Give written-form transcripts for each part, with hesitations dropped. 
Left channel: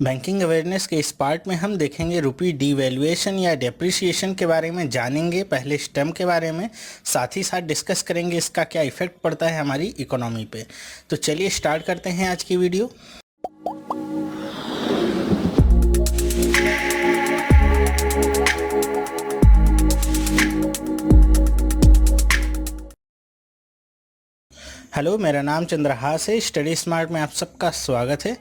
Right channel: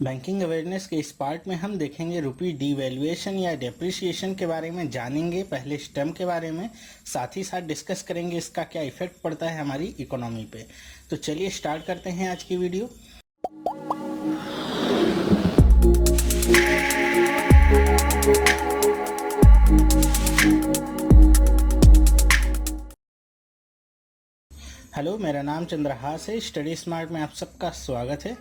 Banking awareness के इस part में हम देखेंगे रुपी डीवैल्यूएशन या डेप्रिसिएशन के बारे में जानेंगे, पहले इस टर्म के बारे में, साथ ही साथ डिस्कस करेंगे इसका क्या इफेक्ट पड़ता है हमारी इकोनॉमी पे। तो चलिए स्टार्ट करते हैं आज की वीडियो। हेलो, मेरा नाम चंद्रहास है। स्टडी स्मार्ट में आप सबका स्वागत है।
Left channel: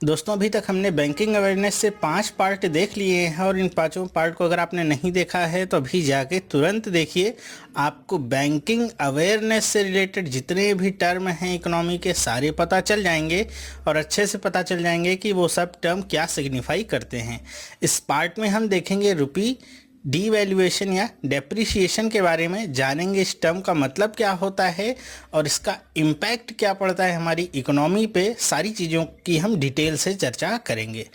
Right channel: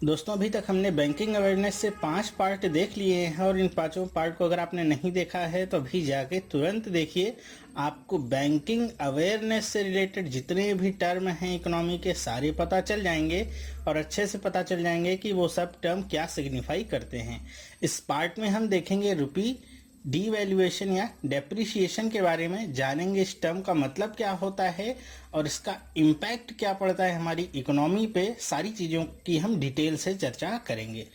दोस्तों, अभी तक हमने बैंकिंग अवेयरनेस से 5 पार्ट देख लिए हैं और इन 5 पार्ट को अगर आपने नहीं देखा है तो अभी जाके तुरंत देखिए। आपको बैंकिंग अवेयरनेस से रिलेटेड जितने भी टर्म हैं इकोनॉमी के सारे पता चल जाएंगे और अच्छे से पता चल जाएंगे कि वो सब टर्म क्या सिग्निफाई करते हैं। इस पार्ट में हम देखेंगे रुपी डीवैल्यूएशन या डेप्रिसिएशन के बारे में, जानेंगे इस टर्म का मतलब क्या होता है और इसका इम्पैक्ट क्या पड़ता है हमारी इकोनॉमी पे। सारी चीज़ों की हम डिटेल से चर्चा करेंगे।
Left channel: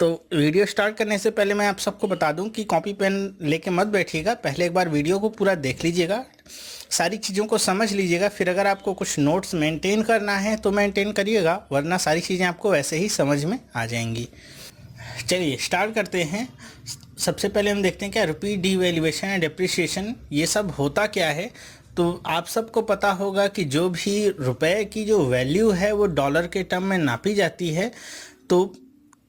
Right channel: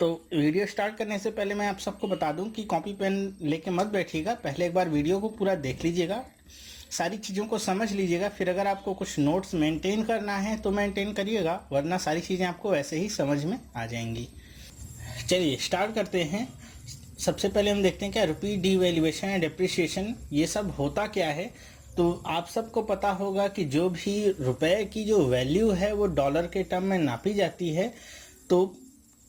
तो वीडियो स्टार्ट करने से पहले मैं आप सबको बता दूं कि कॉपी पेन लेके मत बैठिएगा, पहले एक बार वीडियो को पूरा देख लीजिएगा, सारी चीज़ों को समझ लीजिएगा, फिर अगर आपको कुछ नोट्स मेंटेन करना है तो मेंटेन करिएगा, वरना सारी चीज़ें आपको वैसे ही समझ में आ जाएंगी। चलिए स्टार्ट करते हैं। सबसे पहले हम देखते हैं क्या रुपी डीवैल्यूएशन या डेप्रिसिएशन ये सब होता क्या है। तो आप सबको पता होगा कि जो भी रुपए की जो वैल्यू है वो डॉलर के टर्म में नापी जाती है, तो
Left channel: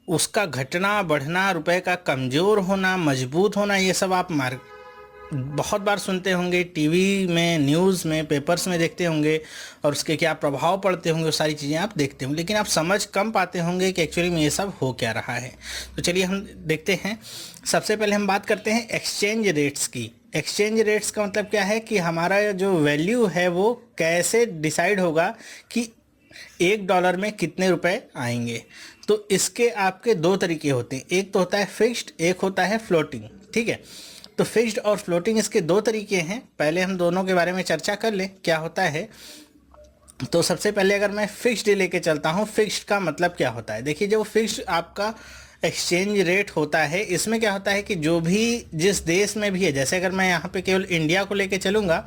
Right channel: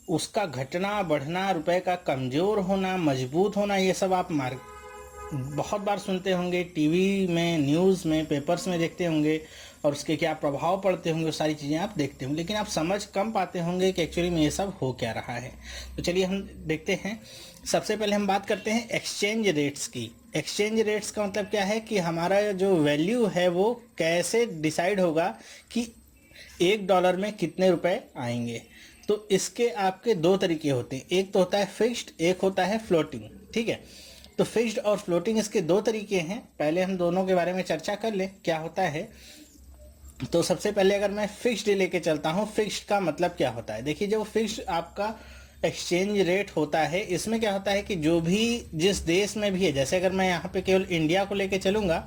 उसका घटना बढ़ना, रुपए का कमज़ोर होना, मजबूत होना, ये सब आप बहुत बार सुनते होंगे, टीवी में, न्यूज़ में, पेपर्स में देखते होंगे और उसके क्या प्रभाव पड़ते होंगे, वो सारी चीज़ें आप देखते होंगे, लेकिन आप समझ कम पाते होंगे कि एक्चुअली में ये सब हो क्या रहा है। तो चलिए हम देखते हैं। सबसे पहले हम बात करते हैं एक्सचेंज रेट्स की। एक्सचेंज रेट्स का मतलब क्या है कि हमारा जो वैल्यू है वो कैसे डिसाइड होगा कि $1 में कितने रुपए आएंगे। तो इसके आपके 2 तरीके होते हैं, एक तो होता है फिक्स्ड, एक होता है फ्लोटिंग। ठीक है, तो फिक्स्ड और फ्लोटिंग इसके 2 तरीके हैं। पहले हम दोनों के बारे में चर्चा कर लें क्या होता है। तो सबसे पहले अगर मैं फिक्स्ड लेके चलता हूँ, फिक्स्ड का मतलब क्या होता है। देखिए, जो फिक्स्ड आपका एक्सचेंज रेट होता है, इसमें क्या होता है कि जो भी जिस देश में भी है, जैसे अगर मैं यहाँ पे केवल इंडिया को लेके चलूँगा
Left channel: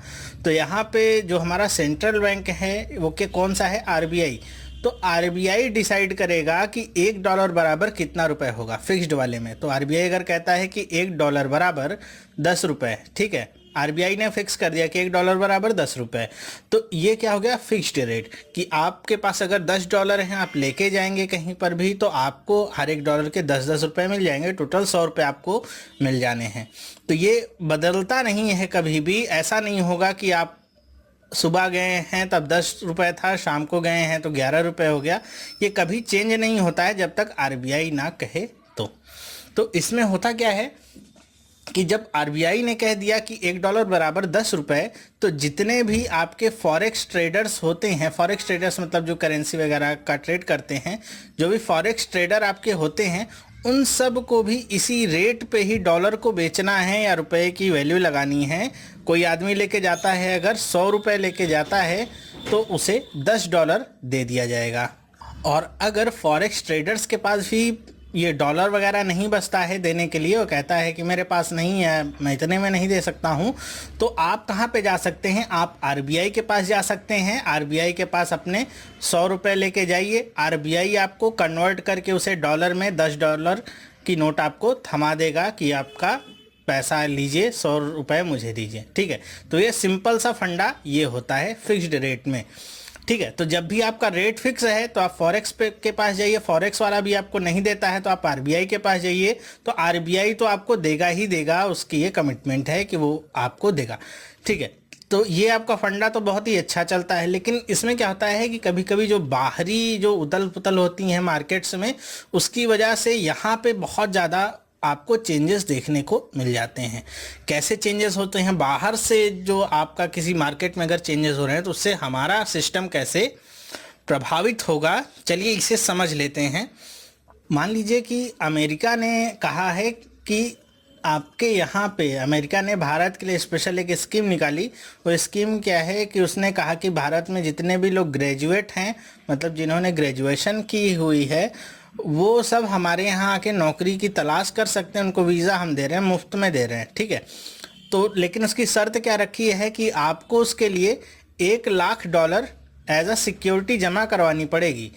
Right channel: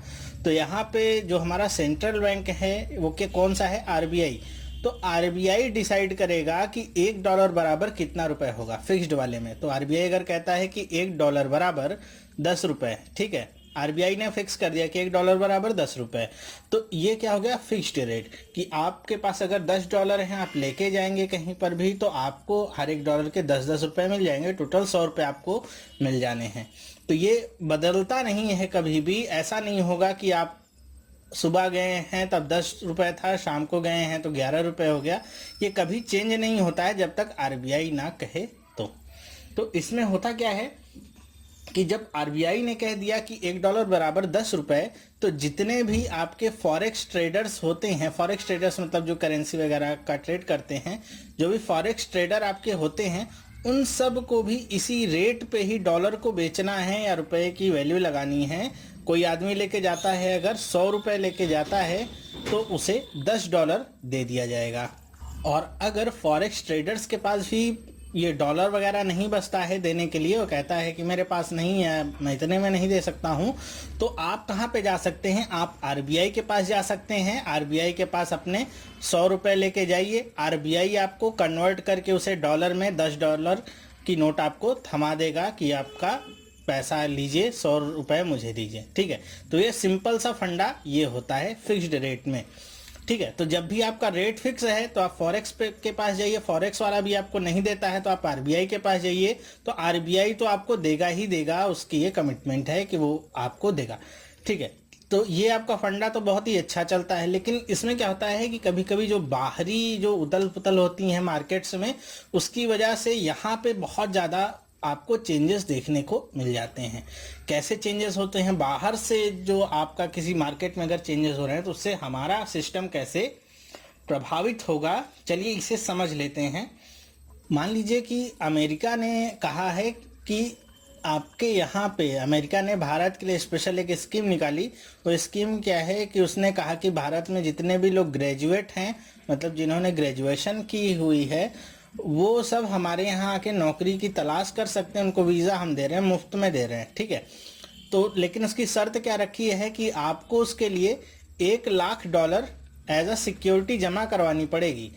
तो यहाँ पे जो हमारा सेंट्रल बैंक है वो के कौन सा है, आरबीआई। तो आरबीआई डिसाइड करेगा कि $1 बराबर कितना रुपए होगा फिक्स्ड वाले में। तो आरबीआई अगर कहता है कि $1 बराबर 10 रुपए, ठीक है, आरबीआई ने फिक्स कर दिया कि $1 बराबर 10 रुपए, तो ये क्या हो गया, फिक्स्ड रेट। कि आपके पास अगर $10 हैं, आप लेके जाएंगे कहीं पर भी तो आपको हर $1 के 10-10 रुपए मिल जाएंगे, टोटल 100 रुपये आपको मिल जाने हैं। तो ये बदलता नहीं है कभी भी। ऐसा नहीं होगा कि आप सुबह गए हैं तब 10 रुपये था, शाम को गए हैं तो 11 रुपये हो गया। ये कभी चेंज नहीं होता है जब तक आरबीआई ना कहे। तो इसमें होता क्या है कि जब आरबीआई ने कह दिया कि $1 बराबर 10 रुपये, तो जितने भी आपके फॉरेक्स ट्रेडर्स होते हैं, फॉरेक्स ट्रेडर्स मतलब जो करेंसी वगैरह का ट्रेड करते हैं, जो भी फॉरेक्स ट्रेडर आपके होते हैं, उन सब को भी इसी रेट पे ही डॉलर को बेचना है या रुपए की वैल्यू लगानी है। कोई आदमी लेके जाता है, अगर 100 रुपये लेके जाता है तो उसे $10 दे दिया जाएगा। और अगर फॉरेक्स ट्रेडर्स के पास भी ये डॉलर वगैरह नहीं बचता है देने के लिए, वो कहता है कि मेरे पास नहीं है, मैं इतने में नहीं दे सकता हूँ, तो आप कहाँ पे जा सकते हैं, आप आरबीआई के पास जा सकते हैं। आरबीआई के पास अपने 100 रुपये लेके जाइए, आरबीआई आपको कन्वर्ट करके उसे डॉलर में $10 की नोट आपको थमा देगा कि आपका पैसा लीजिए, 100 रुपये मुझे दीजिए। ठीक है, तो ये सिंपल सा फंडा ये होता है फिक्स्ड रेट में। ठीक है, तो जब भी आपका रेट फिक्स है तो आप फॉरेक्स के पास जाइए, फॉरेक्स वाला भी आपको नहीं देता है तो आप आरबीआई के पास जाइए, तो आरबीआई तो आपको देगा ही देगा, उसकी ये कमिटमेंट है कि वो आपको देगा। ठीक है, तो ये आपका फंडा तो बहुत ही अच्छा चलता है। लेकिन इसमें क्या होता है कि कभी कभी जो बाहरी जो उथल पुथल होती हैं मार्केट्स में, उसकी वजह से यहाँ पे बहुत ज़्यादा आपको चेंजेस देखने को मिल जाते हैं। कैसे चेंजेस होते हैं, बाहर से जो आपका किसी मार्केट में अगर चेंजेस हो रहे हैं तो उससे हमारा सिस्टम कैसे प्रभावित होगा, चलिए इसे समझ लेते हैं। मान लीजिए कि अमेरिका ने कहा है कि आपके यहाँ पे, अमेरिका ने भारत के लिए स्पेशल एक स्कीम निकाली। वो स्कीम क्या है कि उसने कहा कि भारत में जितने भी लोग ग्रेजुएट हैं, मतलब जिन्होंने ग्रेजुएशन की हुई है, वो सब हमारे यहाँ आके नौकरी की तलाश कर सकते हैं, उनको वीज़ा हम दे रहे हैं, मुफ्त में दे रहे हैं। ठीक है, तो लेकिन उसकी शर्त क्या रखी है कि आपको उसके लिए $1 लाख एज अ सिक्योरिटी जमा करवानी पड़ेगी।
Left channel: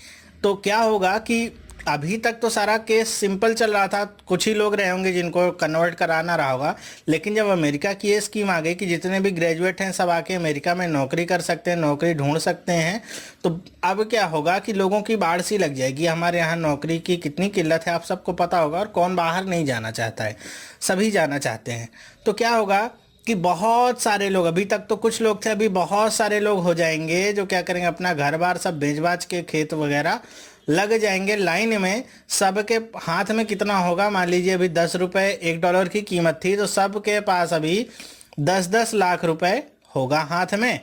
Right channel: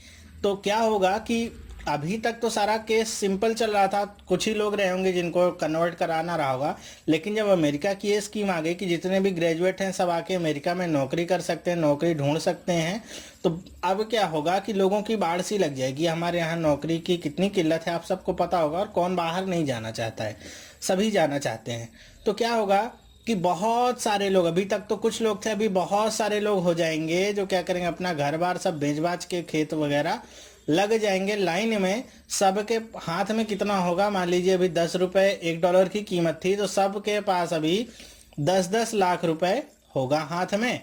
तो क्या होगा कि अभी तक तो सारा केस सिंपल चल रहा था, कुछ ही लोग रहे होंगे जिनको कन्वर्ट कराना रहा होगा। लेकिन जब अमेरिका की ये स्कीम आ गई कि जितने भी ग्रेजुएट हैं सब आके अमेरिका में नौकरी कर सकते हैं, नौकरी ढूंढ सकते हैं, तो अब क्या होगा कि लोगों की बाढ़ सी लग जाएगी। हमारे यहाँ नौकरी की कितनी किल्लत है आप सबको पता होगा, और कौन बाहर नहीं जाना चाहता है, सभी जाना चाहते हैं। तो क्या होगा कि बहुत सारे लोग, अभी तक तो कुछ लोग थे, अभी बहुत सारे लोग हो जाएंगे जो क्या करेंगे, अपना घर बार सब बेच बाच के खेत वगैरह लग जाएंगे लाइन में। सबके हाथ में कितना होगा, मान लीजिए अभी 10 रुपए $1 की कीमत थी, तो सबके पास अभी 10-10 लाख रुपए होगा हाथ में,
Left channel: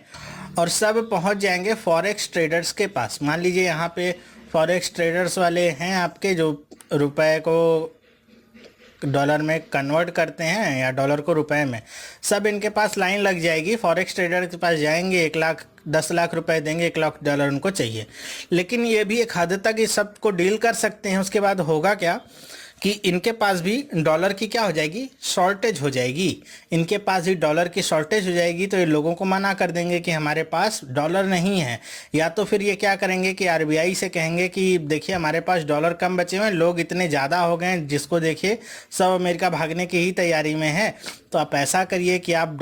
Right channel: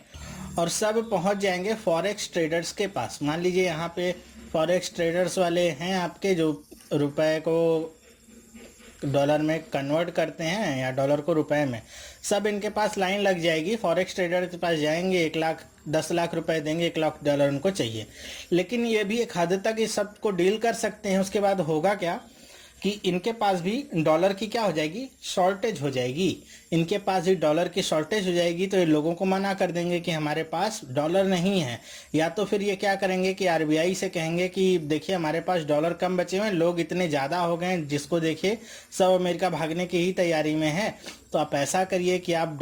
और सब पहुंच जाएंगे फॉरेक्स ट्रेडर्स के पास। मान लीजिए यहाँ पे फॉरेक्स ट्रेडर्स वाले हैं आपके, जो रुपए को डॉलर में कन्वर्ट करते हैं या डॉलर को रुपए में, सब इनके पास लाइन लग जाएगी। फॉरेक्स ट्रेडर के पास जाएंगे, 1 लाख 10 लाख रुपए देंगे, $1 लाख उनको चाहिए। लेकिन ये भी एक हद तक इस सबको डील कर सकते हैं। उसके बाद होगा क्या कि इनके पास भी डॉलर की क्या हो जाएगी, शॉर्टेज हो जाएगी। इनके पास भी डॉलर की शॉर्टेज हो जाएगी, तो ये लोगों को मना कर देंगे कि हमारे पास डॉलर नहीं है। या तो फिर ये क्या करेंगे कि आरबीआई से कहेंगे कि देखिए हमारे पास डॉलर कम बचे हुए हैं, लोग इतने ज़्यादा हो गए हैं, जिसको देखिए सब अमेरिका भागने की ही तैयारी में है, तो आप ऐसा करिए कि आप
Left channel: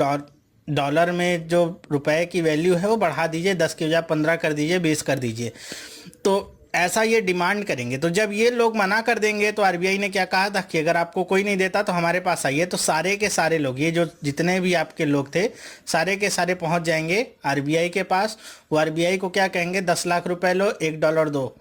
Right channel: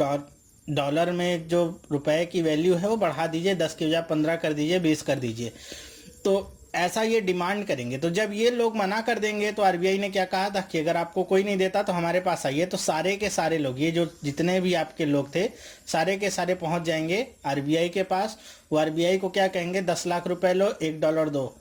डॉलर में जो रुपए की वैल्यू है वो बढ़ा दीजिए, 10 की बजाय 15 कर दीजिए, 20 कर दीजिए। तो ऐसा ये डिमांड करेंगे। तो जब ये लोग मना कर देंगे, तो आरबीआई ने क्या कहा था कि अगर आपको कोई नहीं देता तो हमारे पास आइए। तो सारे के सारे लोग, ये जो जितने भी आपके लोग थे, सारे के सारे पहुंच जाएंगे आरबीआई के पास। वो आरबीआई को क्या कहेंगे, 10 लाख रुपए लो, $1 दो।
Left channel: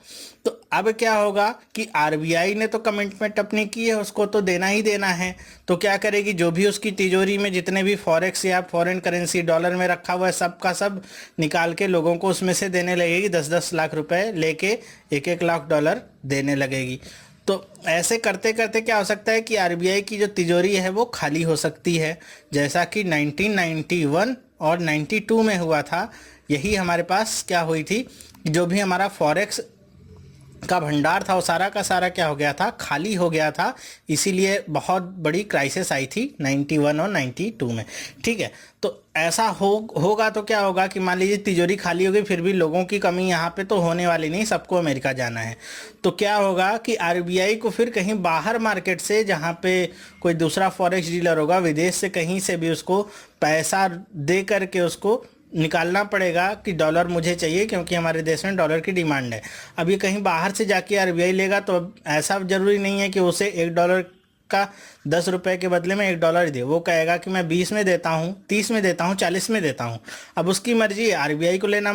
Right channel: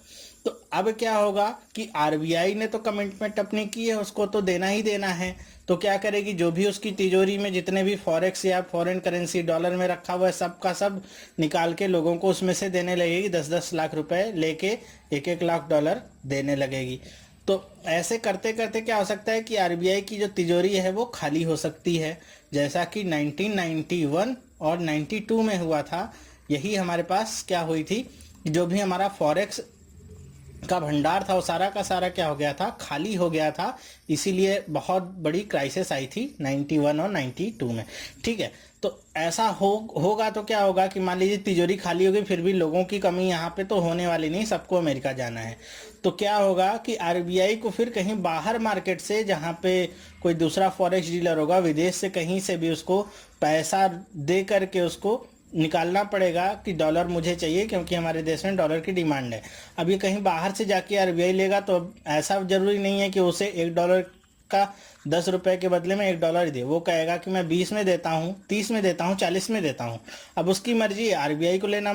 तो अब क्या होगा कि आरबीआई ने तो कमिटमेंट अपनी की है, उसको तो देना ही देना है। तो क्या करेगी, जो भी उसकी तिजोरी में जितने भी फॉरेक्स या फॉरेन करेंसी डॉलर में रखा हुआ है, सब का सब निकाल के लोगों को उसमें से देने लगेगी। 10-10 लाख रुपए लेके $1-1 लाख देने लगेगी। तो ऐसे करते करते क्या हो सकता है कि आरबीआई की जो तिजोरी है वो खाली हो सकती है, जैसा कि 1991 और 92 में हुआ था। यही हमारे पास क्या हुई थी, जो भी हमारा फॉरेक्स का भंडार था वो सारा का सारा क्या हो गया था, खाली हो गया था। इसीलिए बहुत बड़ी क्राइसिस आई थी 91 और 92 में। ठीक है, तो ऐसा होगा तो क्या होगा कि मान लीजिए तिजोरी खाली होगी, फिर भी लोगों की कमी यहाँ पे तो होने वाली नहीं, सबको अमेरिका जाना है। तो क्या होगा कि आरबीआई को फिर कहीं बाहर मार्केट से, जहाँ पे कोई दूसरा फॉरेक्स डीलर होगा, विदेश से कहीं से भी उसको पैसा दे करके उसको निकालना पड़ेगा कि डॉलर मुझे चाहिए, क्योंकि हमारे देश में डॉलर की डिमांड है। अब ये कहीं बाहर से जाके आरबीआई लेगा, तो ऐसा जरूरी नहीं है कि उसे $1 का 10 रुपए के बदले में $1 दे। वो कहेगा कि मैं 20 में देता हूँ, 30 में देता हूँ, 40 में देता हूँ। अब उसकी मर्जी है, आरबीआई को लेना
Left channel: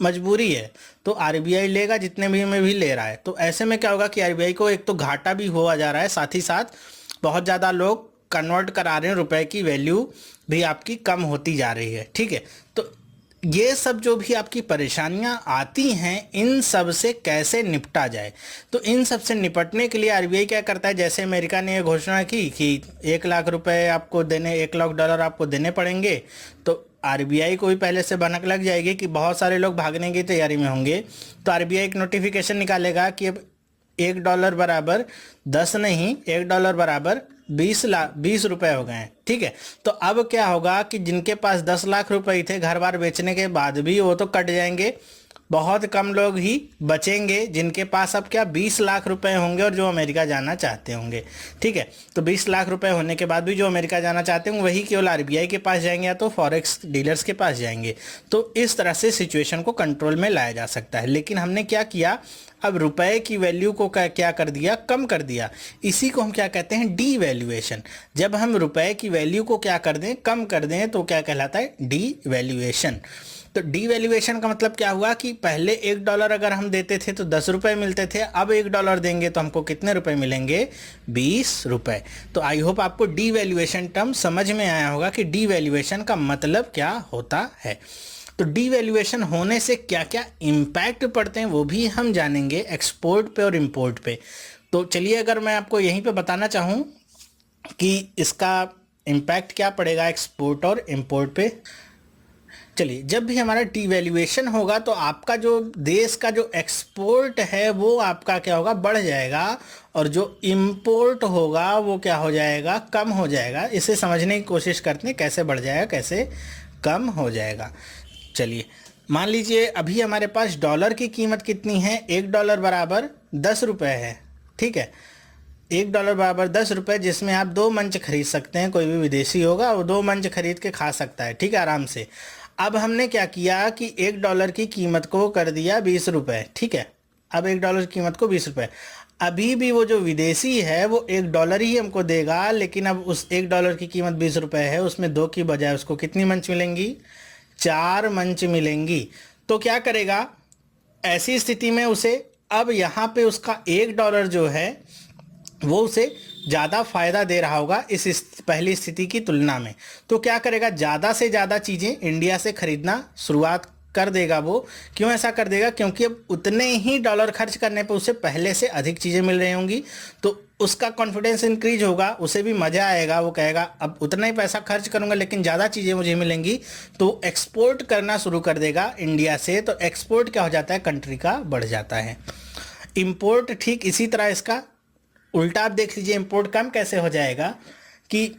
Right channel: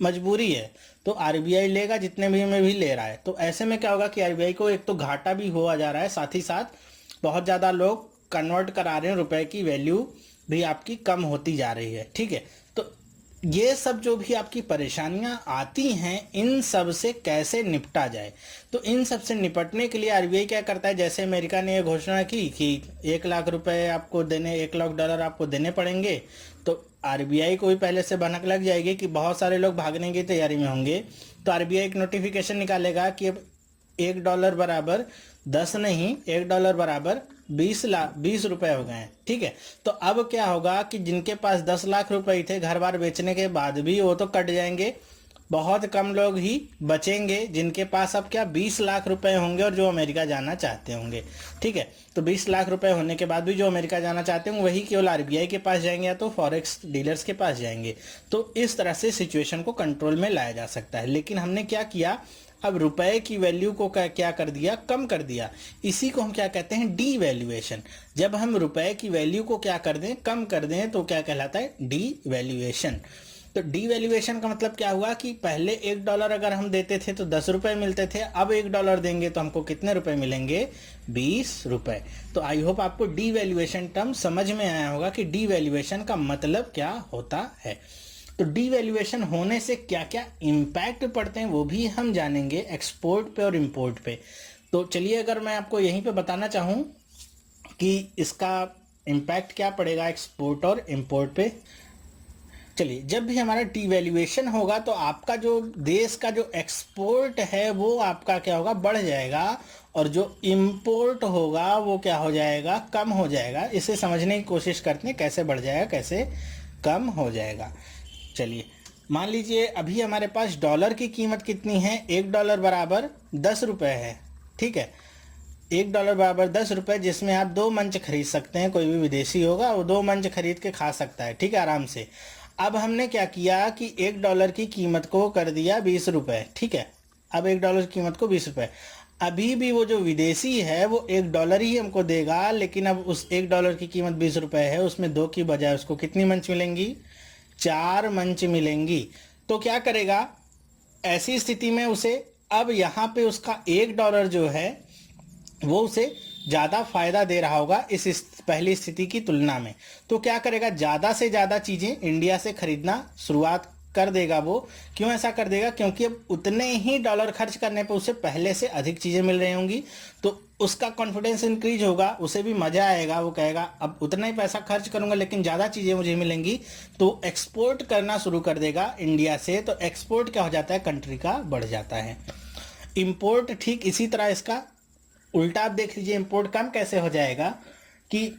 मजबूरी है, तो आरबीआई लेगा जितने में भी ले रहा है। तो ऐसे में क्या होगा कि आरबीआई को एक तो घाटा भी हुआ जा रहा है, साथ ही साथ बहुत ज़्यादा लोग कन्वर्ट करा रहे हैं, रुपए की वैल्यू भी आपकी कम होती जा रही है। ठीक है, तो ये सब जो भी आपकी परेशानियां आती हैं, इन सब से कैसे निपटा जाए। तो इन सब से निपटने के लिए आरबीआई क्या करता है, जैसे अमेरिका ने घोषणा की कि $1 लाख आपको देने, $1 लाख आपको देने पड़ेंगे, तो आरबीआई को भी पहले से भनक लग जाएगी कि बहुत सारे लोग भागने की तैयारी में होंगे। तो आरबीआई एक नोटिफिकेशन निकालेगा कि अब $1 बराबर 10 नहीं, $1 बराबर 20 रुपए हो गए हैं। ठीक है, तो अब क्या होगा कि जिनके पास 10 लाख रुपए थे, घर बार बेचने के बाद भी वो तो कट जाएंगे। बहुत कम लोग ही बचेंगे जिनके पास अब क्या 20 लाख रुपए होंगे और जो अमेरिका जाना चाहते होंगे। ठीक है, तो 20 लाख रुपए होने के बाद भी जो अमेरिका जाना चाहते होंगे वही केवल आरबीआई के पास जाएंगे या तो फॉरेक्स डीलर्स के पास जाएंगे। तो इस तरह से सिचुएशन को कंट्रोल में लाया जा सकता है। लेकिन हमने क्या किया, अब रुपए की वैल्यू को क्या कर दिया, कम कर दिया। इसी को हम क्या कहते हैं, डीवैल्यूएशन। जब हम रुपए की वैल्यू को क्या कर दें, कम कर दें, तो क्या कहलाता है, डीवैल्यूएशन। तो डीवैल्यूएशन का मतलब क्या हुआ कि पहले $1 अगर हम देते थे तो 10 रुपए मिलते थे, अब $1 देंगे तो हमको कितने रुपए मिलेंगे, 20 रुपए। तो आई होप आपको डीवैल्यूएशन टर्म समझ में आया होगा कि डीवैल्यूएशन का मतलब क्या होता है। तो डीवैल्यूएशन होने से क्या क्या इम्पैक्ट पड़ते हैं वो भी हम जानेंगे, एक्सपोर्ट पे और इंपोर्ट पे। तो चलिए, अगर मैं आपको यहीं पे बताना चाहूँ कि इसका इम्पैक्ट क्या पड़ेगा एक्सपोर्ट और इंपोर्ट पे। चलिए, जब भी हमारा डीवैल्यूएशन होगा तो आपका जो देश का जो एक्सपोर्ट है वो आपका क्या होगा, बढ़ जाएगा, और जो इंपोर्ट होगा वो क्या हो जाएगा, कम हो जाएगा। इसे समझने की कोशिश करते हैं कैसे बढ़ जाएगा, कैसे कम हो जाएगा। चलिए, मान लीजिए अभी हमारे पास डॉलर की कीमत कितनी है, $1 बराबर 10 रुपये है। ठीक है, $1 बराबर 10 रुपये, जिसमें आप 2 मंच खरीद सकते हैं। कोई भी विदेशी होगा वो 2 मंच खरीद के खा सकता है, ठीक है, आराम से। अब हमने क्या किया कि $1 की कीमत को कर दिया 20 रुपये। ठीक है, अब $1 की कीमत को 20 रुपये। अभी भी वो जो विदेशी है वो $1 ही हमको देगा, लेकिन अब उस $1 की कीमत 20 रुपये है, उसमें 2 की बजाय उसको कितनी मंच मिलेंगी, 4 मंच मिलेंगी। तो क्या करेगा ऐसी स्थिति में उसे, अब यहाँ पे उसका $1 जो है वो उसे ज़्यादा फायदा दे रहा होगा इस पहली स्थिति की तुलना में। तो क्या करेगा, ज़्यादा से ज़्यादा चीज़ें इंडिया से खरीदना शुरुआत कर देगा वो। क्यों ऐसा कर देगा, क्योंकि अब उतने ही डॉलर खर्च करने पर उसे पहले से अधिक चीज़ें मिल रही होंगी, तो उसका कॉन्फिडेंस इंक्रीज होगा, उसे भी मज़ा आएगा। वो कहेगा अब उतना ही पैसा खर्च करूंगा लेकिन ज़्यादा चीज़ें मुझे मिलेंगी, तो एक्सपोर्ट करना शुरू कर देगा इंडिया से। तो एक्सपोर्ट क्या हो जाता है, कंट्री का बढ़ जाता है। इम्पोर्ट ठीक इसी तरह इसका उल्टा आप देख लीजिए, इंपोर्ट कम कैसे हो जाएगा कि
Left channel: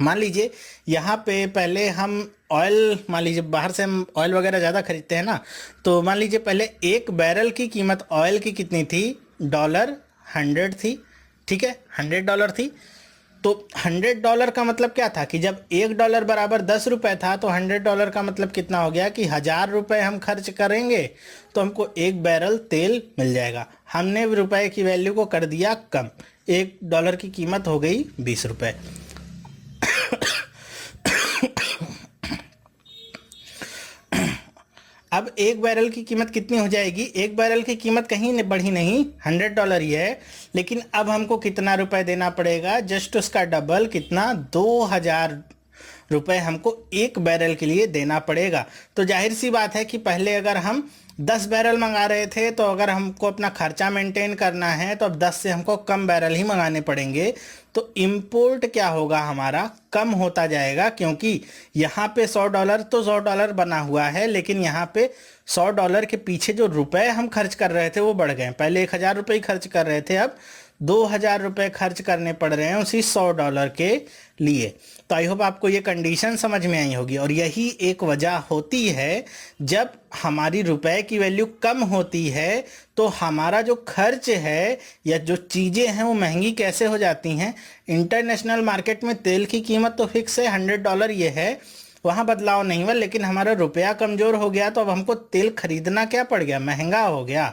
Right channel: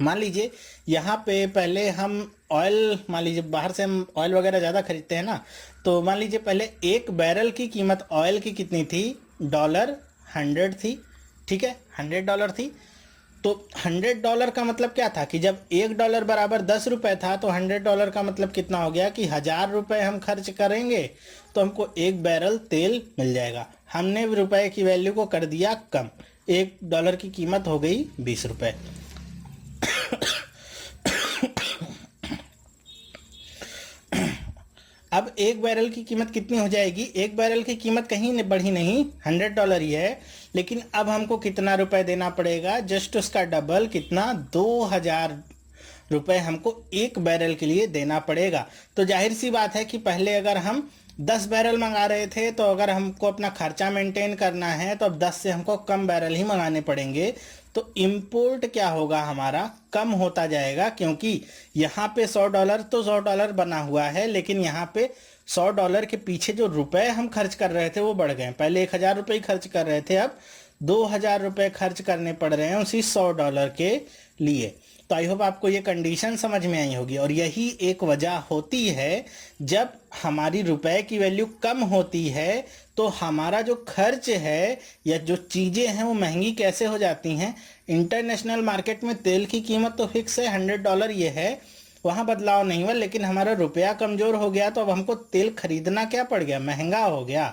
मान लीजिए यहाँ पे पहले हम ऑयल, मान लीजिए बाहर से हम ऑयल वगैरह ज़्यादा खरीदते हैं ना, तो मान लीजिए पहले 1 बैरल की कीमत ऑयल की कितनी थी, $100 थी। ठीक है, $100 थी। तो $100 का मतलब क्या था कि जब $1 बराबर 10 रुपये था, तो $100 का मतलब कितना हो गया कि 1000 रुपये हम खर्च करेंगे तो हमको 1 बैरल तेल मिल जाएगा। हमने रुपए की वैल्यू को कर दिया कम, $1 की कीमत हो गई 20 रुपये। अब 1 बैरल की कीमत कितनी हो जाएगी, 1 बैरल की कीमत कहीं बढ़ी नहीं, $100 ही है, लेकिन अब हमको कितना रुपए देना पड़ेगा, जस्ट उसका डबल, कितना, 2000 रुपये हमको 1 बैरल के लिए देना पड़ेगा। तो जाहिर सी बात है कि पहले अगर हम 10 बैरल मंगा रहे थे, तो अगर हमको अपना खर्चा मेंटेन करना है तो अब 10 से हमको कम बैरल ही मंगाने पड़ेंगे। तो इंपोर्ट क्या होगा, हमारा कम होता जाएगा, क्योंकि यहाँ पे $100 तो $100 बना हुआ है, लेकिन यहाँ पे $100 के पीछे जो रुपए हम खर्च कर रहे थे वो बढ़ गए। पहले 1000 रुपये खर्च कर रहे थे, अब 2000 रुपये खर्च करने पड़ रहे हैं उसी $100 के लिए। तो आई होप आपको ये कंडीशन समझ में आई होगी, और यही एक वजह होती है जब हमारी रुपए की वैल्यू कम होती है तो हमारा जो खर्च है या जो चीज़ें हैं वो महंगी कैसे हो जाती हैं। इंटरनेशनल मार्केट में तेल की कीमत तो फिक्स है, $100 ये है, वहाँ बदलाव नहीं हुआ, लेकिन हमारा रुपया कमज़ोर हो गया तो अब हमको तेल खरीदना क्या पड़ गया, महंगा हो गया।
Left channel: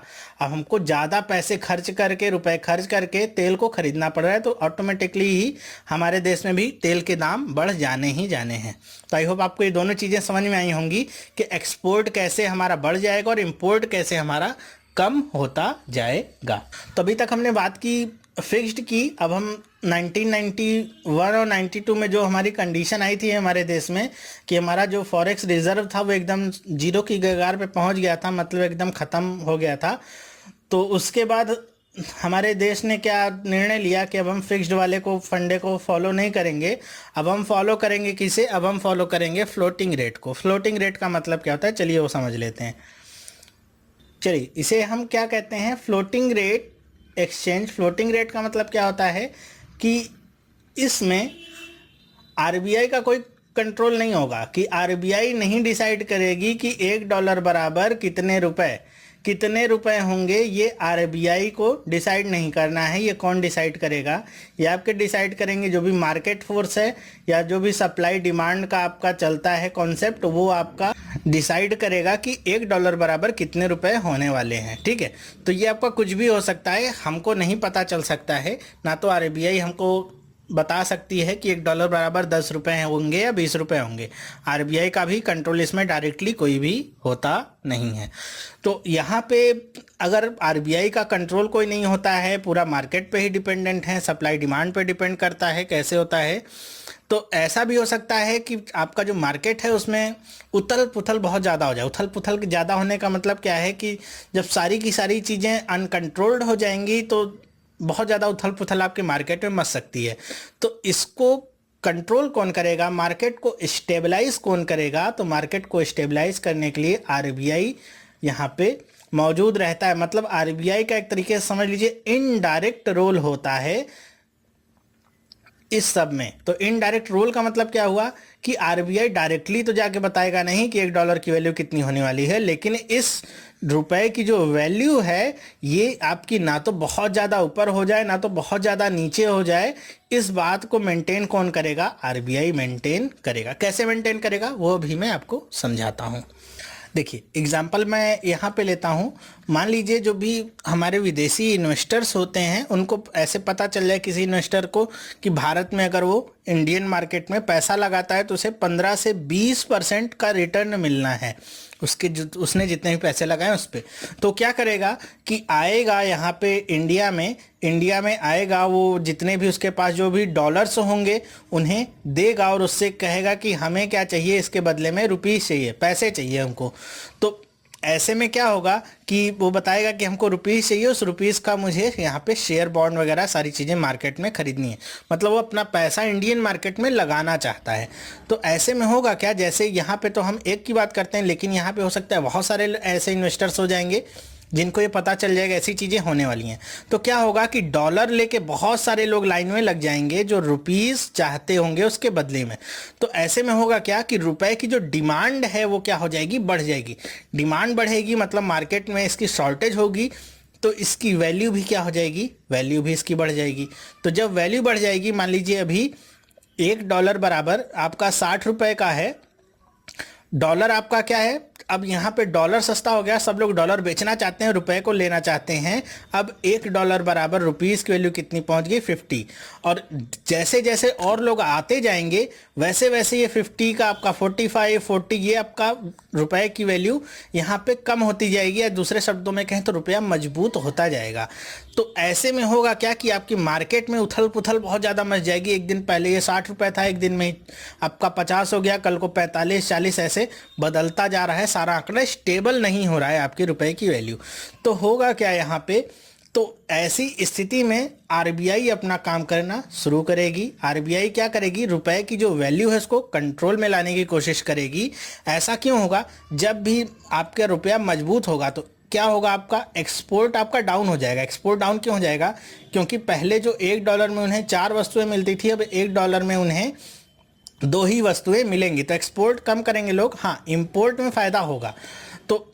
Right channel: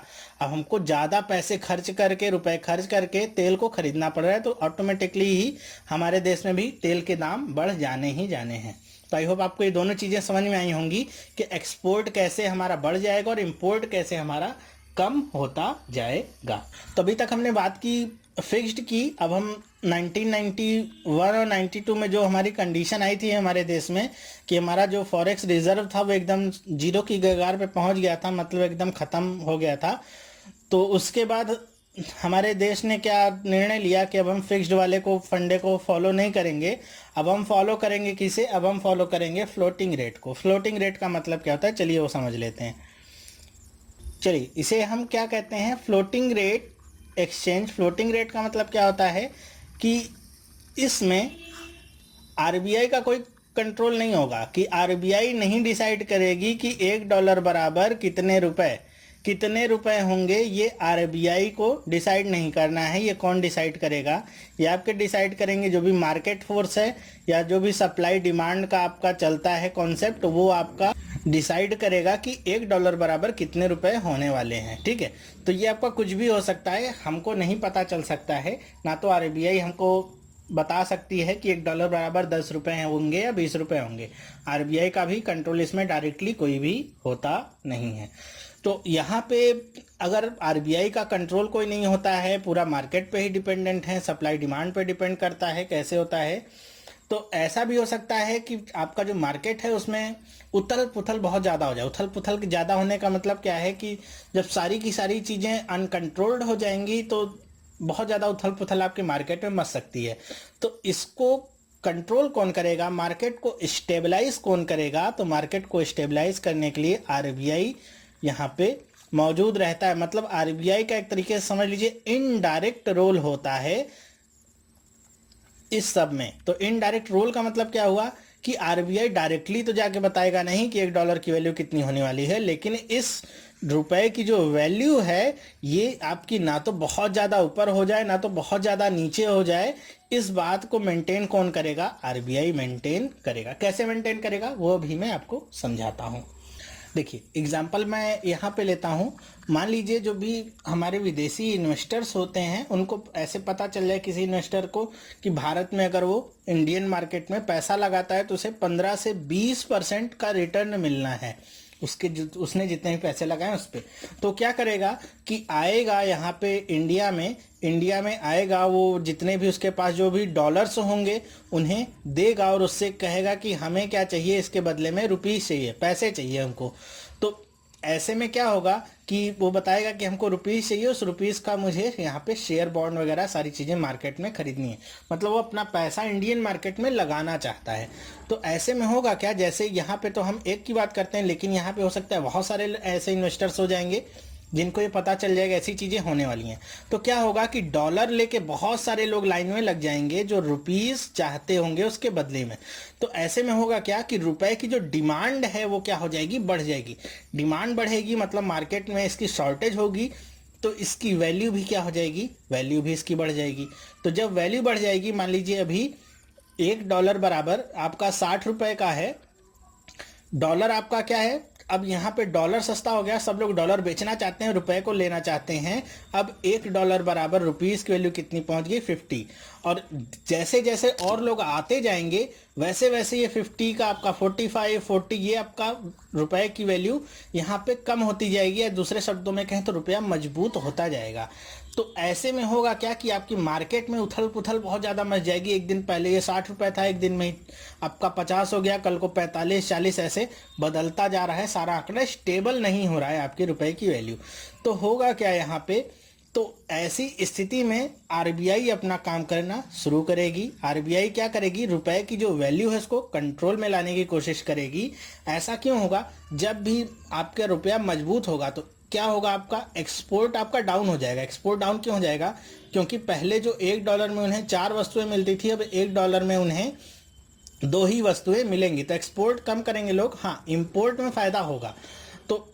अब हमको ज़्यादा पैसे खर्च करके, रुपए खर्च करके तेल को खरीदना पड़ रहा है, तो ऑटोमेटिकली ही हमारे देश में भी तेल के दाम बढ़ जाने ही जाने हैं। तो आई होप आपको ये दोनों चीज़ें समझ में आई होंगी कि एक्सपोर्ट कैसे हमारा बढ़ जाएगा और इम्पोर्ट कैसे हमारा कम होता जाएगा। तो अभी तक हमने बात की फिक्स्ड की। अब हम 1991 और 92 में जो हमारी कंडीशन आई थी हमारे देश में कि हमारा जो फॉरेक्स रिजर्व था वो एकदम जीरो की कगार पे पहुंच गया था, मतलब एकदम ख़त्म हो गया था। तो उसके बाद हमारे देश ने क्या निर्णय लिया कि अब हम फिक्स्ड वाले को, फंडे को फॉलो नहीं करेंगे। अब हम फॉलो करेंगे किसे, अब हम फॉलो करेंगे फ्लोटिंग रेट को। फ्लोटिंग रेट का मतलब क्या होता है, चलिए वो समझ लेते हैं। चलिए इसे हम क्या कहते हैं, floating rate exchange. Floating rate का मतलब क्या होता है कि इसमें आरबीआई का कोई कंट्रोल नहीं होगा, कि आरबीआई नहीं डिसाइड करेगी कि $1 बराबर कितने रुपए होंगे। ये आरबीआई को डिसाइड नहीं करना है। ये कौन डिसाइड करेगा, ये आपके डिसाइड करेंगे जो भी मार्केट फोर्स है या जो भी सप्लाई डिमांड का आपका चलता है कॉन्सेप्ट, वो आपका डिसाइड करेगा कि $1 बराबर कितने रुपए होने वाले हैं। ठीक है, तो ये आपका कुछ भी हो सकता है, हमको नहीं पता चल सकता है। ना तो आरबीआई हमको बता सकती है कि $1 बराबर 10 रुपये होंगे या 20 रुपये होंगे। आरबीआई का भी कंट्रोल इसमें डायरेक्टली कोई भी होता नहीं है। तो यहाँ पे अगर आरबीआई का कंट्रोल कोई नहीं होता है, पूरा मार्केट पे ही डिपेंडेंट है, सप्लाई डिमांड पे डिपेंड करता है कैसे होता है, तो ऐसा भी हो सकता है कि आपका जो मार्केट है उसमें उथल पुथल बहुत ज़्यादा हो जाए। उथल पुथल ज़्यादा होने का मतलब क्या है कि जब सारी की सारी चीज़ें अनकंट्रोल्ड हो जाएंगी तो बहुत ज़्यादा उथल पुथल आपके मार्केट में मच सकती है। तो इसको कंट्रोल कौन करेगा, मार्केट को स्टेबलाइज कौन करेगा, तो मार्केट को स्टेबलाइज करने के लिए आरबीआई यहाँ पे मौजूद रहता है। मतलब आरबीआई का एक तरीके से समझ लीजिए इनडायरेक्ट रोल होता है इस सब में। तो इनडायरेक्ट रोल का मतलब क्या हुआ कि आरबीआई डायरेक्टली तो जाके बताएगा नहीं कि $1 की वैल्यू कितनी होने वाली है, लेकिन इस रुपए की जो वैल्यू है ये आपकी ना तो बहुत ज़्यादा ऊपर हो जाए ना तो बहुत ज़्यादा नीचे हो जाए, इस बात को मेंटेन कौन करेगा? आरबीआई मेंटेन करेगा। कैसे मेंटेन करेगा वो भी मैं आपको समझाता हूँ। देखिए एग्जाम्पल मैं यहाँ पे लेता हूँ। मान लीजिए जो भी हमारे विदेशी इन्वेस्टर्स होते हैं उनको ऐसे पता चल जाए किसी इन्वेस्टर को कि भारत में अगर वो इंडियन मार्केट में पैसा लगाता है तो उसे 15 से 20% का रिटर्न मिलना है उसके जो उसने जितने भी पैसे लगाए उस पर। तो क्या करेगा कि आएगा यहाँ पे इंडिया में आएगा, वो जितने भी उसके पास जो भी डॉलर्स होंगे उन्हें देगा और उससे कहेगा कि हमें क्या चाहिए, इसके बदले में रुपीस चाहिए, पैसे चाहिए हमको। तो ऐसे में क्या होगा कि वो बताएगा कि हमको रुपीस चाहिए, उस रुपीस का मुझे यहाँ पे शेयर बॉन्ड वगैरह सारी चीज़ें मार्केट में खरीदनी है। मतलब वो अपना पैसा इंडियन मार्केट में लगाना चाहता है। तो ऐसे में होगा क्या, जैसे यहाँ पे तो हम एक की बात करते हैं, लेकिन यहाँ पे हो सकता है बहुत सारे ऐसे इन्वेस्टर्स हो जाएंगे जिनको ये पता चल जाएगा ऐसी चीज़ें होने वाली हैं। तो क्या होगा कि डॉलर लेके बहुत सारे लोग लाइन में लग जाएंगे जो रुपीस चाहते होंगे उसके बदले में। तो ऐसे में होगा क्या कि रुपए की जो डिमांड है वो क्या हो जाएगी, बढ़ जाएगी। डिमांड बढ़ेगी मतलब मार्केट में इसकी शॉर्टेज होगी, तो इसकी वैल्यू भी क्या हो जाएगी, वैल्यू भी इसकी बढ़ जाएगी। तो जब वैल्यू बढ़ जाएगी, मान लीजिए अभी $1 बराबर आपका 60 रुपए का है, डॉलर आपका क्या है, अब यहाँ पे डॉलर सस्ता हो गया, सब लोग डॉलर बेचना चाहते हैं, रुपए को लेना चाहते हैं। अब $1 बराबर रुपीस की वैल्यू कितनी पहुंच गई, 50। और जैसे जैसे और लोग आते जाएंगे वैसे वैसे ये 50 का आपका 45, 40 ये आपका रुपए की वैल्यू यहाँ पे कम होती जाएगी, या दूसरे शब्दों में कहें तो रुपया मजबूत होता जाएगा। तो ऐसे में होगा क्या कि आपकी मार्केट में उथल पुथल बहुत ज़्यादा मच जाएगी। एक दिन पहले ये 60 रुपये था, एक दिन में आपका 50 हो गया, कल को 45, 40 ऐसे बदलता जा रहा है। सारा आंकड़ा स्टेबल नहीं हो रहा है आपके रुपए की वैल्यू। तो होगा क्या यहाँ पे, तो ऐसी स्थिति में आरबीआई अपना काम करना शुरू करेगी। आरबीआई क्या करेगी, रुपए की जो वैल्यू है उसको कंट्रोल में लाने की कोशिश करेगी। ऐसा क्यों होगा, जब भी आपका रुपया मजबूत होगा तो क्या होगा, आपका एक्सपोर्ट आपका डाउन हो जाएगा। एक्सपोर्ट डाउन क्यों हो जाएगा, क्योंकि पहले जो $1 में उन्हें 4 वस्तुएं मिलती थी, अब $1 में उन्हें 2 ही वस्तुएं मिलेंगी। तो एक्सपोर्ट कम करेंगे लोग, हाँ इंपोर्ट में फ़ायदा होगा। तो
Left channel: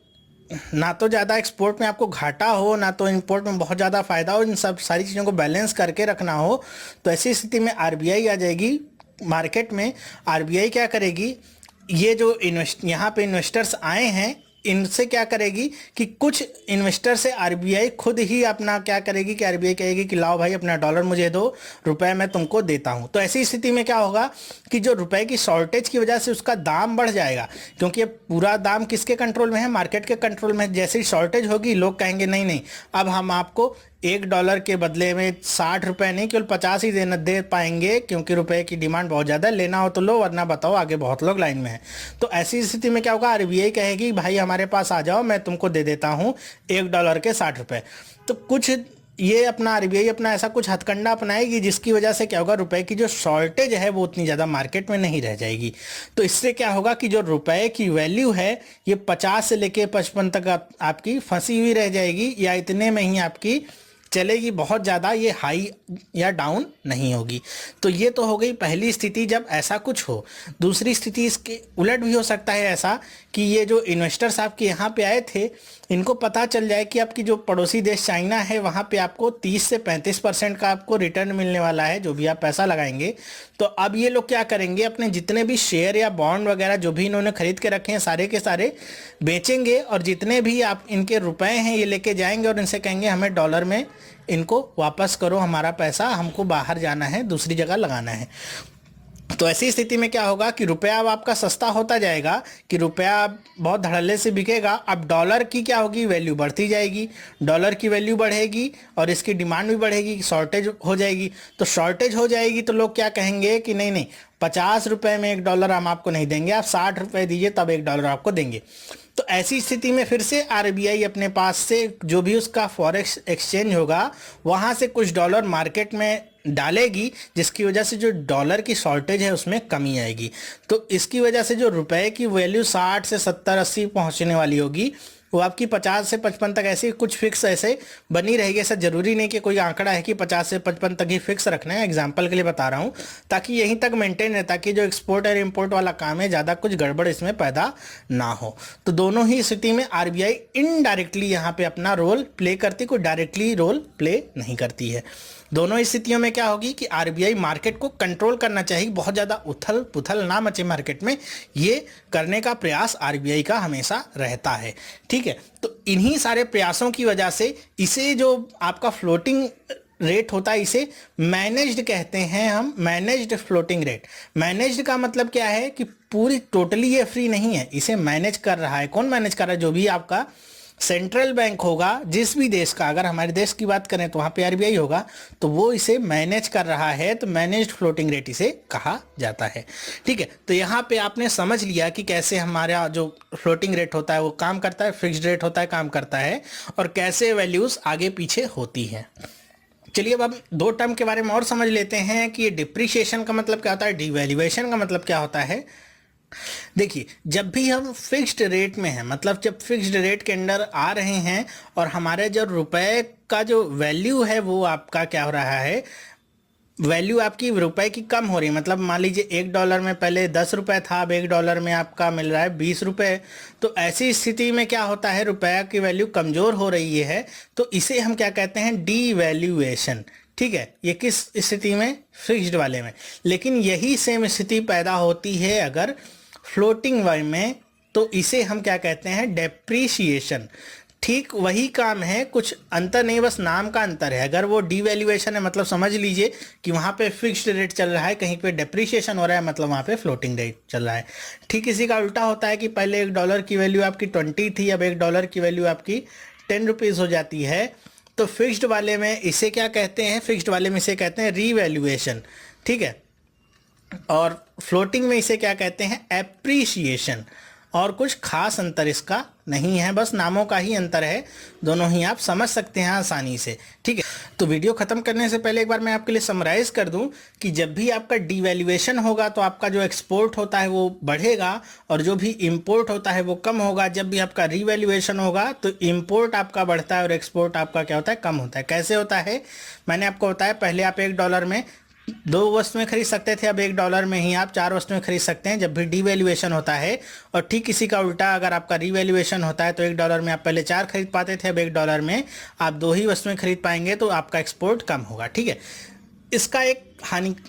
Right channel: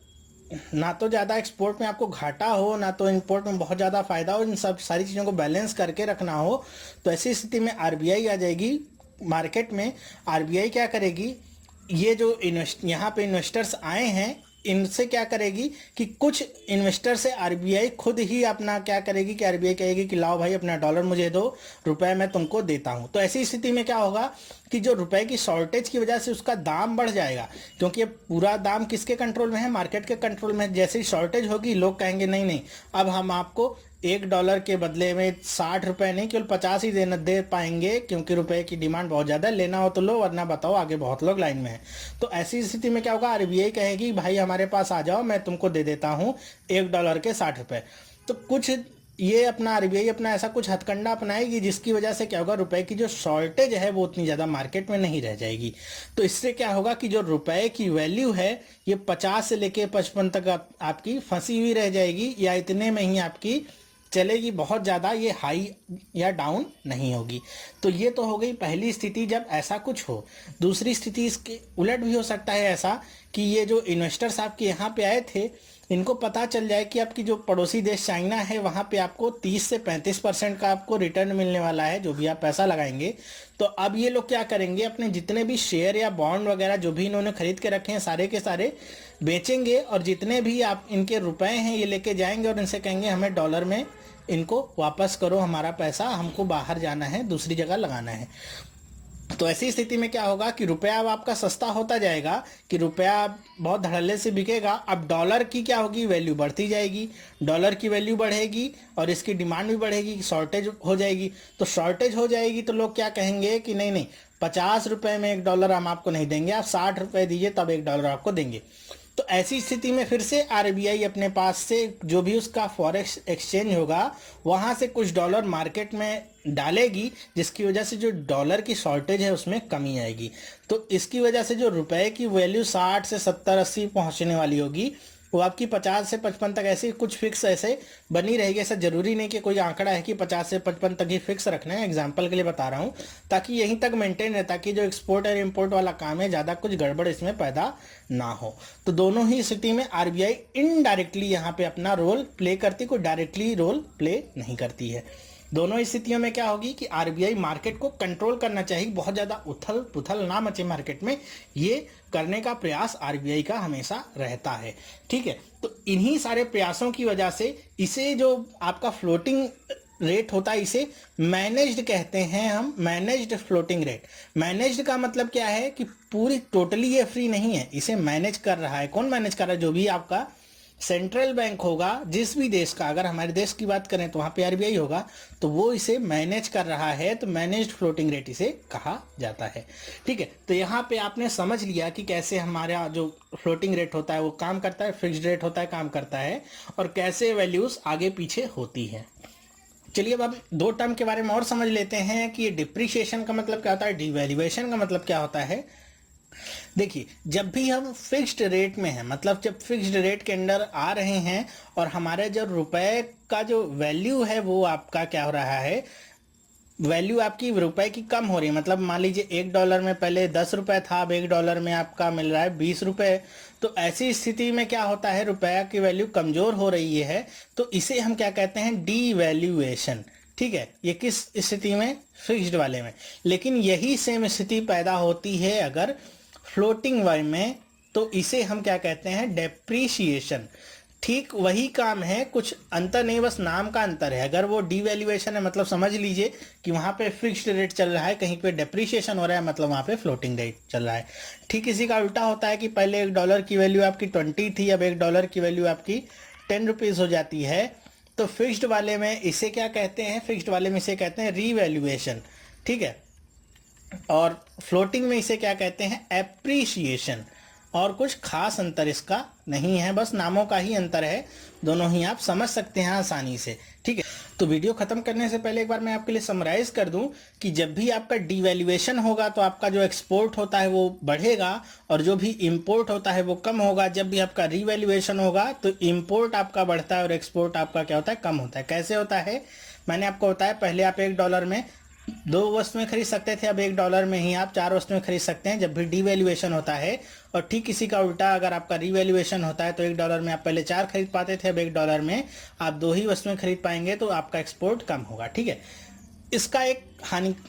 ना तो ज़्यादा एक्सपोर्ट में आपको घाटा हो, ना तो इंपोर्ट में बहुत ज़्यादा फ़ायदा हो, इन सब सारी चीज़ों को बैलेंस करके रखना हो। तो ऐसी स्थिति में आरबीआई आ जाएगी मार्केट में। आरबीआई क्या करेगी, ये जो यहाँ पे इन्वेस्टर्स आए हैं इनसे क्या करेगी कि कुछ इन्वेस्टर से आरबीआई खुद ही अपना क्या करेगी कि आरबीआई कहेगी कि लाओ भाई अपना डॉलर मुझे दो, रुपए मैं तुमको देता हूं। तो ऐसी स्थिति में क्या होगा कि जो रुपए की शॉर्टेज की वजह से उसका दाम बढ़ जाएगा, क्योंकि पूरा दाम किसके कंट्रोल में है, मार्केट के कंट्रोल में है। जैसे ही शॉर्टेज होगी लोग कहेंगे नहीं नहीं, अब हम आपको $1 के बदले में 60 रुपये नहीं केवल 50 ही दे पाएंगे, क्योंकि रुपए की डिमांड बहुत ज़्यादा, लेना हो तो लो वरना बताओ आगे बहुत लोग लाइन में हैं। तो ऐसी स्थिति में क्या होगा, आरबीआई कहेगी भाई हमारे पास आ जाओ, मैं तुमको दे देता हूँ $1 के 60 रुपये। तो कुछ ये अपना आरबीआई अपना ऐसा कुछ हथकंडा अपनाएगी जिसकी वजह से क्या होगा, रुपए की जो शॉर्टेज है वो उतनी ज़्यादा मार्केट में नहीं रह जाएगी। तो इससे क्या होगा कि जो रुपए की वैल्यू है ये 50 से लेके 55 तक आपकी फंसी हुई रह जाएगी, या इतने में ही आपकी चलेगी, बहुत ज़्यादा ये हाई या डाउन नहीं होगी। तो ये तो हो गई पहली स्थिति जब ऐसा कुछ हो। दूसरी स्थिति इसके उलट भी हो सकता है ऐसा कि ये जो इन्वेस्टर्स आपके यहाँ पे आए थे इनको पता चल जाए कि आपकी जो पड़ोसी देश चाइना है वहाँ पे आपको 30 से 35% का आपको रिटर्न मिलने वाला है जो भी आप पैसा लगाएंगे। तो अब ये लोग क्या करेंगे, अपने जितने भी शेयर या बॉन्ड वगैरह जो भी इन्होंने खरीद के रखे हैं सारे के सारे बेचेंगे, और जितने भी आप इनके रुपए हैं ये लेके जाएंगे और इनसे कहेंगे हमें डॉलर में इनको वापस करो, हमारा पैसा हमको बाहर जाना है, दूसरी जगह लगाना है। तो ऐसी स्थिति में क्या होगा कि रुपया अब आपका सस्ता होता जाएगा, कि रुपया बहुत धड़ल्ले से बिकेगा। अब डॉलर की क्या होगी, वैल्यू बढ़ती जाएगी, डॉलर की वैल्यू बढ़ेगी और इसकी डिमांड भी बढ़ेगी, शॉर्टेज हो जाएगी। तो शॉर्टेज हो जाएगी तो लोग क्या कहेंगे कि नहीं नहीं 50 रुपये में $1 हम आपको नहीं देंगे, आप 60 रुपये दीजिए तब $1 आपको देंगे। तो ऐसी स्थिति में फिर से आरबीआई अपने पास से जो भी उसका फॉरेक्स एक्सचेंज होगा वहाँ से कुछ डॉलर मार्केट में डालेगी, जिसकी वजह से जो डॉलर की शॉर्टेज है उसमें कमी आएगी। तो इसकी वजह से जो रुपए की वैल्यू 60 से 70, 80 पहुँचने वाली होगी वो आपकी 50 से 55 तक ऐसी कुछ फिक्स ऐसे बनी रहेगी। ऐसा जरूरी नहीं कि कोई आंकड़ा है कि 50 से 55 तक ही फिक्स रखना है, एग्जांपल के लिए बता रहा हूँ, ताकि यहीं तक मेंटेन रहे, ताकि जो एक्सपोर्ट और इंपोर्ट वाला काम है ज़्यादा कुछ गड़बड़ इसमें पैदा ना हो। तो दोनों ही स्थिति में आरबीआई इनडायरेक्टली यहाँ पे अपना रोल प्ले करती, कोई डायरेक्टली रोल प्ले नहीं करती है। दोनों स्थितियों में क्या होगी कि आरबीआई मार्केट को कंट्रोल करना चाहिए, बहुत ज़्यादा उथल पुथल ना मचे मार्केट में, ये करने का प्रयास आरबीआई का हमेशा रहता है। ठीक है, तो इन्हीं सारे प्रयासों की वजह से इसे जो आपका फ्लोटिंग रेट होता है इसे मैनेज्ड कहते हैं हम, मैनेज्ड फ्लोटिंग रेट। मैनेज्ड का मतलब क्या है कि पूरी टोटली ये फ्री नहीं है, इसे मैनेज कर रहा है। कौन मैनेज कर रहा है? जो भी आपका सेंट्रल बैंक होगा जिस भी देश का, अगर हमारे देश की बात करें तो वहाँ पे आरबीआई होगा, तो वो इसे मैनेज कर रहा है, तो मैनेज्ड फ्लोटिंग रेट इसे कहा जाता है। ठीक है, तो यहाँ पे आपने समझ लिया कि कैसे हमारा जो फ्लोटिंग रेट होता है वो काम करता है, फिक्स्ड रेट होता है काम करता है, और कैसे वैल्यूज आगे पीछे होती है। चलिए अब हम दो टर्म के बारे में और समझ लेते हैं कि ये डिप्रिशिएशन का मतलब क्या होता है, डिवैल्यूएशन का मतलब क्या होता है। देखिए, जब भी हम फिक्स्ड रेट में हैं, मतलब जब फिक्स्ड रेट के अंडर आ रहे हैं और हमारे जो रुपए का जो वैल्यू है वो आपका क्या हो रहा है, वैल्यू आपकी रुपए की कम हो रही है। मतलब मान लीजिए $1 में पहले 10 रुपए था, अब $1 में आपका मिल रहा है 20 रुपए। तो ऐसी स्थिति में क्या होता है, रुपया की वैल्यू कमज़ोर हो रही है, तो इसे हम क्या कहते हैं, डीवैल्यूएशन। ठीक है, ये किस स्थिति में, फिक्स्ड वाले में। लेकिन यही सेम स्थिति पैदा होती है अगर फ्लोटिंग वाले में, तो इसे हम क्या कहते हैं, डेप्रीशिएशन। ठीक वही काम है, कुछ अंतर नहीं, बस नाम का अंतर है। अगर वो डीवैल्यूएशन है मतलब समझ लीजिए कि वहाँ पे फिक्स्ड रेट चल रहा है, कहीं पे डेप्रीशिएशन हो रहा है मतलब वहाँ पे फ्लोटिंग रेट चल रहा है। ठीक इसी का उल्टा होता है कि पहले $1 की वैल्यू आपकी 20 थी, अब $1 की वैल्यू आपकी 10 रुपीज़ हो जाती है। तो फिक्स्ड वाले में इसे क्या कहते हैं, फिक्स्ड वाले में इसे कहते हैं रीवैल्यूएशन। ठीक है, और फ्लोटिंग में इसे क्या कहते हैं, एप्रीशिएशन। और कुछ खास अंतर इसका नहीं है, बस नामों का ही अंतर है, दोनों ही आप समझ सकते हैं आसानी से। ठीक है, तो वीडियो खत्म करने से पहले एक बार मैं आपके लिए समराइज कर दूं कि जब भी आपका डिवैल्यूएशन होगा तो आपका जो एक्सपोर्ट होता है वो बढ़ेगा और जो भी इंपोर्ट होता है वो कम होगा। जब भी आपका रीवैल्यूएशन होगा तो इंपोर्ट आपका बढ़ता है और एक्सपोर्ट आपका क्या होता है, कम होता है। कैसे होता है, मैंने आपको बताया, पहले आप $1 में 2 वस्तुएं खरीद सकते थे, अब $1 में ही आप 4 वस्तुएं खरीद सकते हैं जब भी डीवैल्यूएशन होता है। और ठीक इसी का उल्टा अगर आपका रीवैल्यूएशन होता है तो $1 में आप पहले 4 खरीद पाते थे, अब $1 में आप 2 ही वस्तुएं खरीद पाएंगे, तो आपका एक्सपोर्ट कम होगा। ठीक है, इसका एक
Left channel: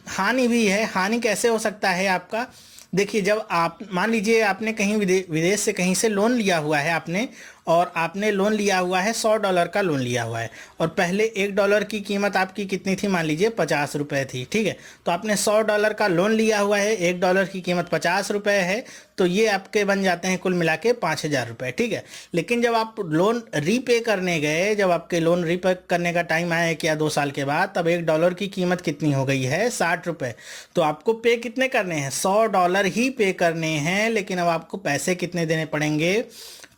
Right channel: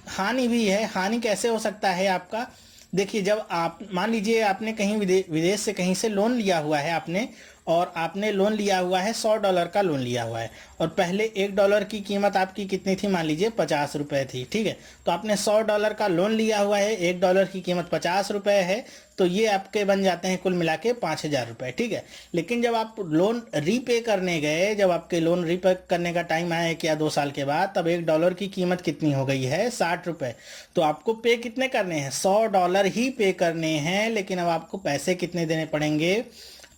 हानि भी है। हानि कैसे हो सकता है आपका, देखिए, जब आप मान लीजिए आपने कहीं विदेश से कहीं से लोन लिया हुआ है आपने, और आपने लोन लिया हुआ है $100 का लोन लिया हुआ है, और पहले $1 की कीमत आपकी कितनी थी, मान लीजिए 50 रुपये थी। ठीक है, तो आपने $100 का लोन लिया हुआ है, $1 की कीमत 50 रुपये है, तो ये आपके बन जाते हैं कुल मिला के 5000 रुपये। ठीक है, लेकिन जब आप लोन रीपे करने गए, जब आपके लोन रीपे करने का टाइम आया कि 2 साल के बाद, तब $1 की कीमत कितनी हो गई है, 60 रुपये। तो आपको पे कितने करने हैं, $100 ही पे करने हैं, लेकिन अब आपको पैसे कितने देने पड़ेंगे,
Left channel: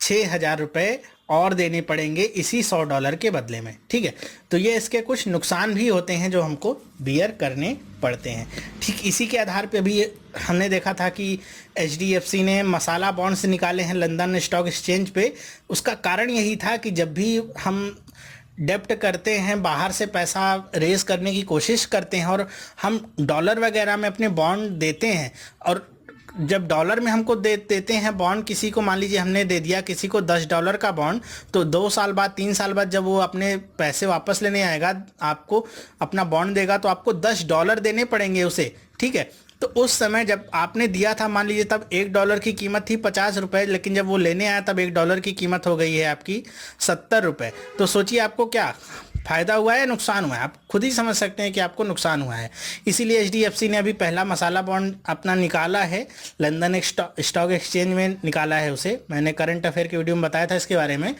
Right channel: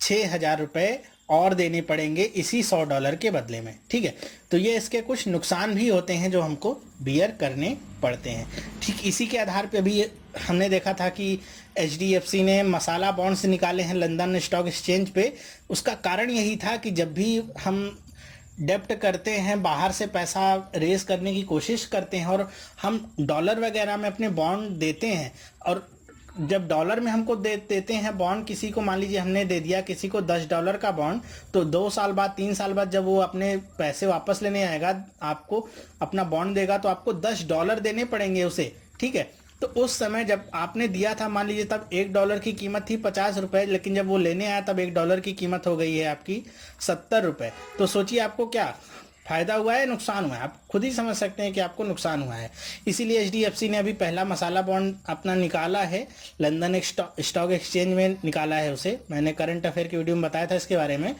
6000 रुपये और देने पड़ेंगे इसी $100 के बदले में। ठीक है, तो ये इसके कुछ नुकसान भी होते हैं जो हमको बियर करने पड़ते हैं। ठीक इसी के आधार पे अभी हमने देखा था कि HDFC ने मसाला बॉन्ड्स निकाले हैं लंदन स्टॉक एक्सचेंज पे। उसका कारण यही था कि जब भी हम डेप्ट करते हैं, बाहर से पैसा रेज करने की कोशिश करते हैं और हम डॉलर वगैरह में अपने बॉन्ड देते हैं, और जब डॉलर में हमको देते हैं बॉन्ड, किसी को मान लीजिए हमने दे दिया किसी को $10 का बॉन्ड, तो 2 साल बाद 3 साल बाद जब वो अपने पैसे वापस लेने आएगा, आपको अपना बॉन्ड देगा, तो आपको $10 देने पड़ेंगे उसे। ठीक है, तो उस समय जब आपने दिया था, मान लीजिए तब $1 की कीमत थी 50 रुपये, लेकिन जब वो लेने आया तब $1 की कीमत हो गई है आपकी 70 रुपये। तो सोचिए आपको क्या फ़ायदा हुआ है या नुकसान हुआ है, आप खुद ही समझ सकते हैं कि आपको नुकसान हुआ है। इसीलिए HDFC ने अभी पहला मसाला बॉन्ड अपना निकाला है, लंदन स्टॉक एक्सचेंज में निकाला है उसे। मैंने करंट अफेयर की वीडियो में बताया था इसके बारे में।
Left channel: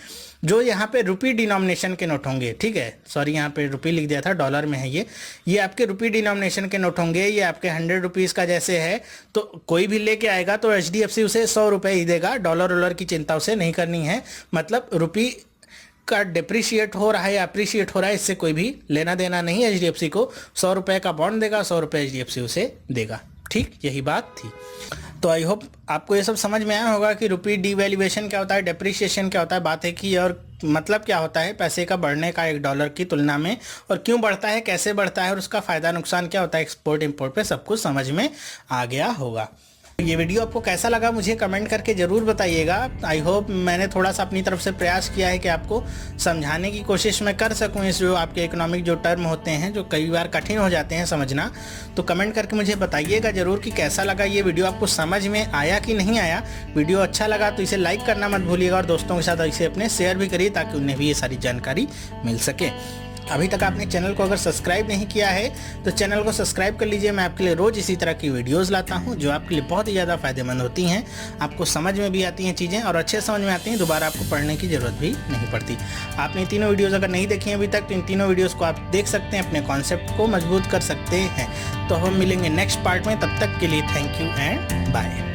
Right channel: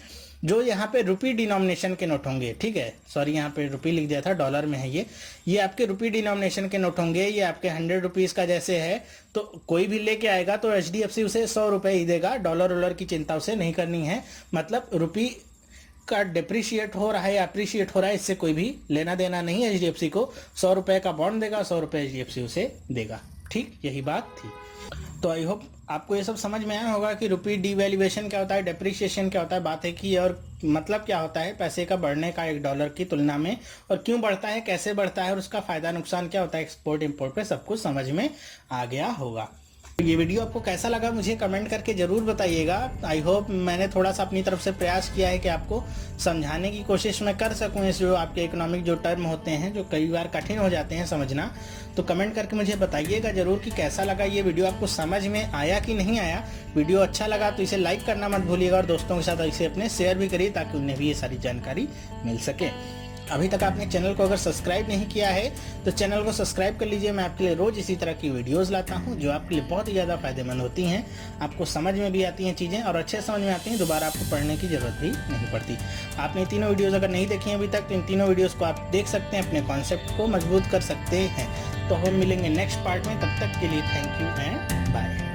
जो यहाँ पे रुपी डिनोमिनेशन के नोट होंगे, ठीक है, सॉरी यहाँ पे रुपी लिख दिया था, डॉलर में है ये आपके रुपी डिनोमिनेशन के नोट होंगे। ये आपके 100 रुपीज़ का जैसे है, तो कोई भी लेके आएगा तो HDFC उसे 100 रुपये ही देगा। डॉलर की चिंता उसे नहीं करनी है। मतलब रुपी का डिप्रिशिएट हो रहा है या अप्रिशिएट हो रहा है, इससे कोई भी लेना देना नहीं है। HDFC को 100 रुपये का बॉन्ड देगा, 100 रुपये HDFC उसे देगा। ठीक, यही बात थी। तो आई होप आपको ये सब समझ में आया होगा कि रुपी डीवैल्यूएशन क्या होता है, डेप्रिसिएशन क्या होता है, बात है कि और मतलब क्या होता है पैसे का बढ़ने का एक डॉलर की तुलना में, और क्यों बढ़ता है, कैसे बढ़ता है, और उसका फ़ायदा नुकसान क्या होता है एक्सपोर्ट इंपोर्ट पे, सब कुछ समझ में आ गया होगा। ये वीडियो आपको कैसा लगा मुझे कमेंट करके ज़रूर बताइएगा। आई होप मैंने थोड़ा सा अपनी तरफ से प्रयास किया है कि आपको समझाने की कोशिश मैं कर सकूं इस जो आपके इकोनॉमिक जो टर्म होते हैं जो कई बार कठिन हो जाते हैं समझना। तो कमेंट करके मुझे बताइएगा ज़रूर कि कैसा लगा ये वीडियो, आपको समझ में आया कि नहीं आया। वीडियो अच्छा लगा तो इसे लाइक करना मत भूलिएगा और दोस्तों के साथ इसे अपने शेयर भी करिए ताकि उन्हें भी ये सारी जानकारी मिल सके। अभी तक आपने चैनल को अगर सब्सक्राइब नहीं किया है तो चैनल को सब्सक्राइब कर लीजिए। मैं आपके लिए रोज़ इसी तरह की वीडियोस लाता हूं जो आपके लिए बहुत ही ज़्यादा फायदेमंद होती हैं, आपको समझ में भी आती हैं चीज़ें और अच्छे समझ में आती हैं, दोबारा आपको पढ़ने की ज़रूरत भी नहीं पड़ती। आपने तीनों वीडियोज़ अगर नहीं देखी हैं अभी तक तो इन तीनों वीडियोज़ को आप देख सकते हैं, अपने कॉन्सेप्ट को मजबूत कर सकते हैं। तो हम मिलेंगे नेक्स्ट पार्ट में, तब तक के लिए थैंक यू एंड बाय।